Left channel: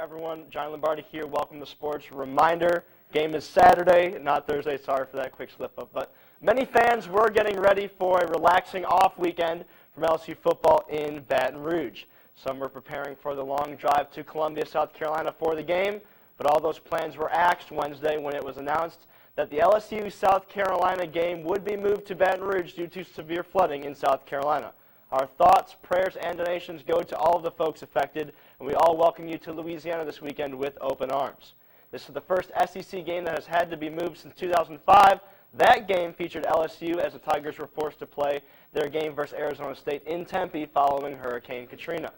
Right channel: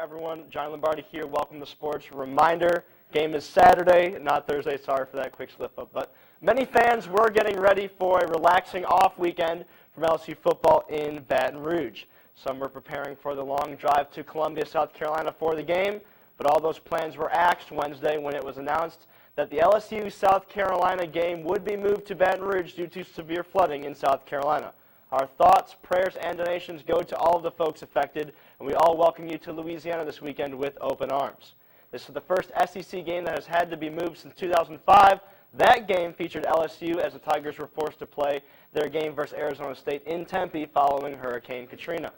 everyone. Johnny Lombardi here. Welcome to Sports. Reminder, game is Saturday, not Thursday. Sorry for that quick slip-up. But many fans were getting ready for a relaxing off weekend from LSU football in Baton Rouge. Some were preparing for the long drive to Columbia, South Carolina for the game, but all those plans were axed Wednesday when it was announced that the LSU-South Carolina game would be moved to Baton Rouge due to severe flooding in South Carolina. Our thoughts, prayers, and donations go to all of the folks affected, and we all welcome you to Louisiana this weekend with open arms. This is the first SEC game that has had to be moved since 2005. That game featured LSU as the Tigers were forced to play their game versus Arizona State in Tempe following Hurricane Katrina.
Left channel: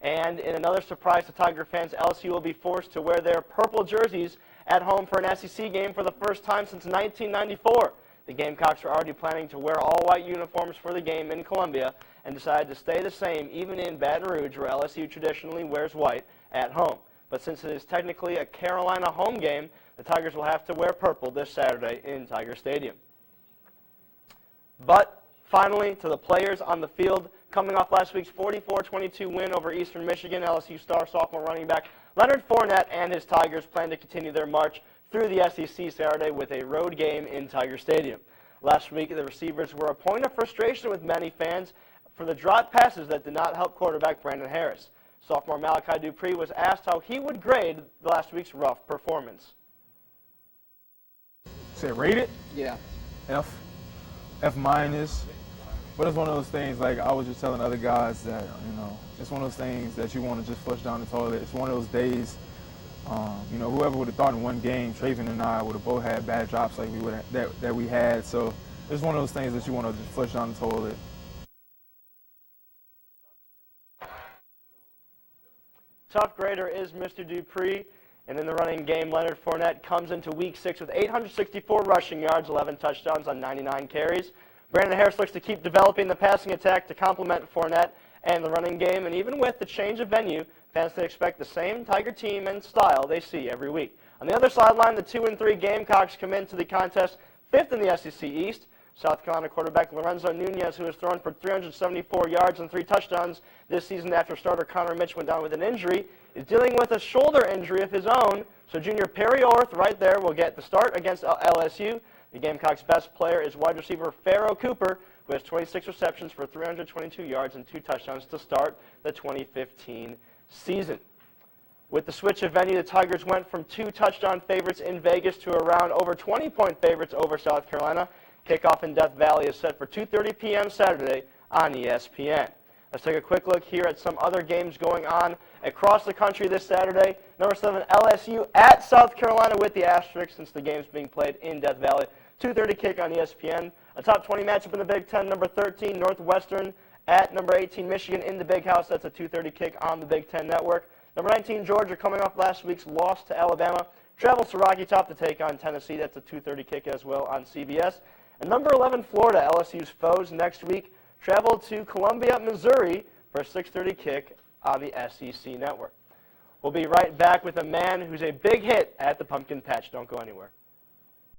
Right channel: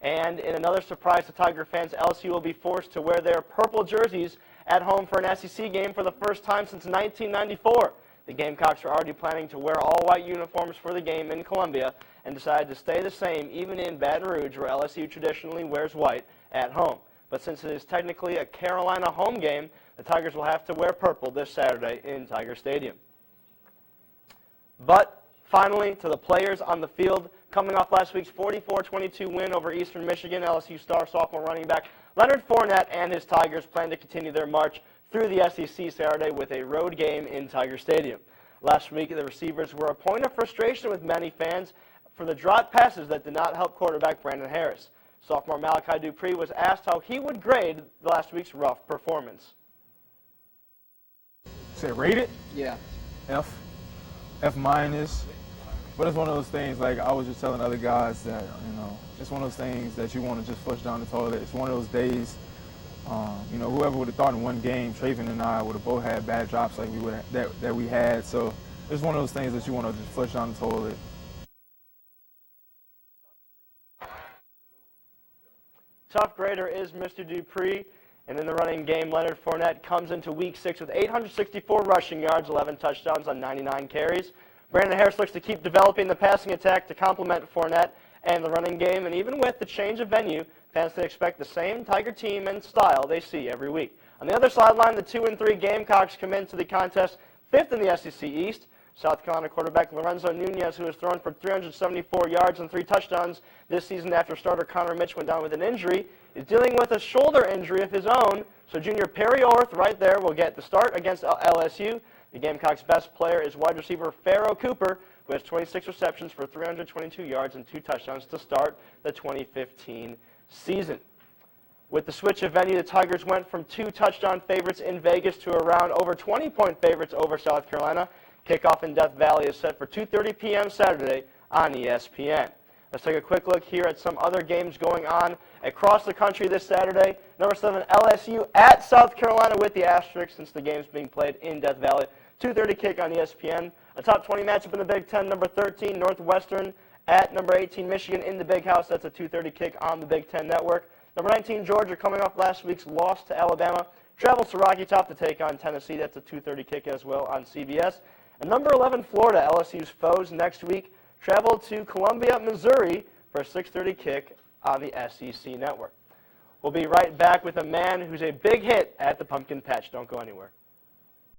And in another surprise to Tiger fans, LSU will be forced to wear their purple jerseys at home for an SEC game for the first time since 1994. The Gamecocks were already planning to wear all-white uniforms for the game in Columbia and decided to stay the same even in Baton Rouge, where LSU traditionally wears white at home. But since it is technically a Carolina home game, the Tigers will have to wear purple this Saturday in Tiger Stadium. But finally, to the players on the field, coming off last week's 44-22 win over Eastern Michigan, LSU star sophomore running back Leonard Fournette and his Tigers plan to continue their march through the SEC Saturday with a road game in Tiger Stadium. Last week, the receivers were a point of frustration with many fans for the dropped passes that did not help quarterback Brandon Harris. Sophomore Malachi Dupree was asked how he would grade last week's rough performance. Say rate it? Yeah. F. F minus. But it's one of those things, like I was just telling other guys that, it's one of those things that you want to just flush down the toilet. It's one of those days, whoever would have thought in one game, Traven and I would have both had bad drops like that we had. So it's one of those things that you want to just flush down the toilet. Top grader is Mr. Dupree. And in the running game, Leonard Fournette comes into Week 6 with 864 rushing yards, 11 touchdowns on 99 carries. Brandon Harris looks to keep developing the passing attack to complement Fournette and the running game. And even with the change of venue, fans can expect the same Tiger team and style they see every week. On the other sideline, the 2-3 Gamecocks come into the contest 5th in the SEC East. South Carolina quarterback Lorenzo Nunez, who has thrown for 374 yards and 3 touchdowns this season after starter Connor Mitch went down with an injury, is dealing with a shoulder injury of his own. So junior Perry Orth right there will get the start against LSU. The Gamecocks' best player is wide receiver Pharaoh Cooper, who has 26 receptions for 322 yards and 2 touchdowns to start the 2015 season. With the switch of venue, the Tigers went from 2 touchdown favorites in Vegas to around over 20-point favorites over South Carolina. Kickoff in Death Valley is set for 2:30 p.m. Saturday on ESPN. Let's take a quick look here at some other games going on across the country this Saturday. Number 7, LSU at South Carolina with the asterisk since the game's being played in Death Valley. 2:30 kick on ESPN. A top 20 matchup in the Big Ten. Number 13, Northwestern at number 18, Michigan in the Big House. That's a 2:30 kick on the Big Ten Network. Number 19, Georgia, coming off last week's loss to Alabama, travels to Rocky Top to take on Tennessee. That's a 2:30 kick as well on CBS. And number 11, Florida, LSU's foes next week, travel to Columbia, Missouri for a 6:30 kick on the SEC Network. We'll be right back with a man who's a big hit at the Pumpkin Patch. Don't go anywhere.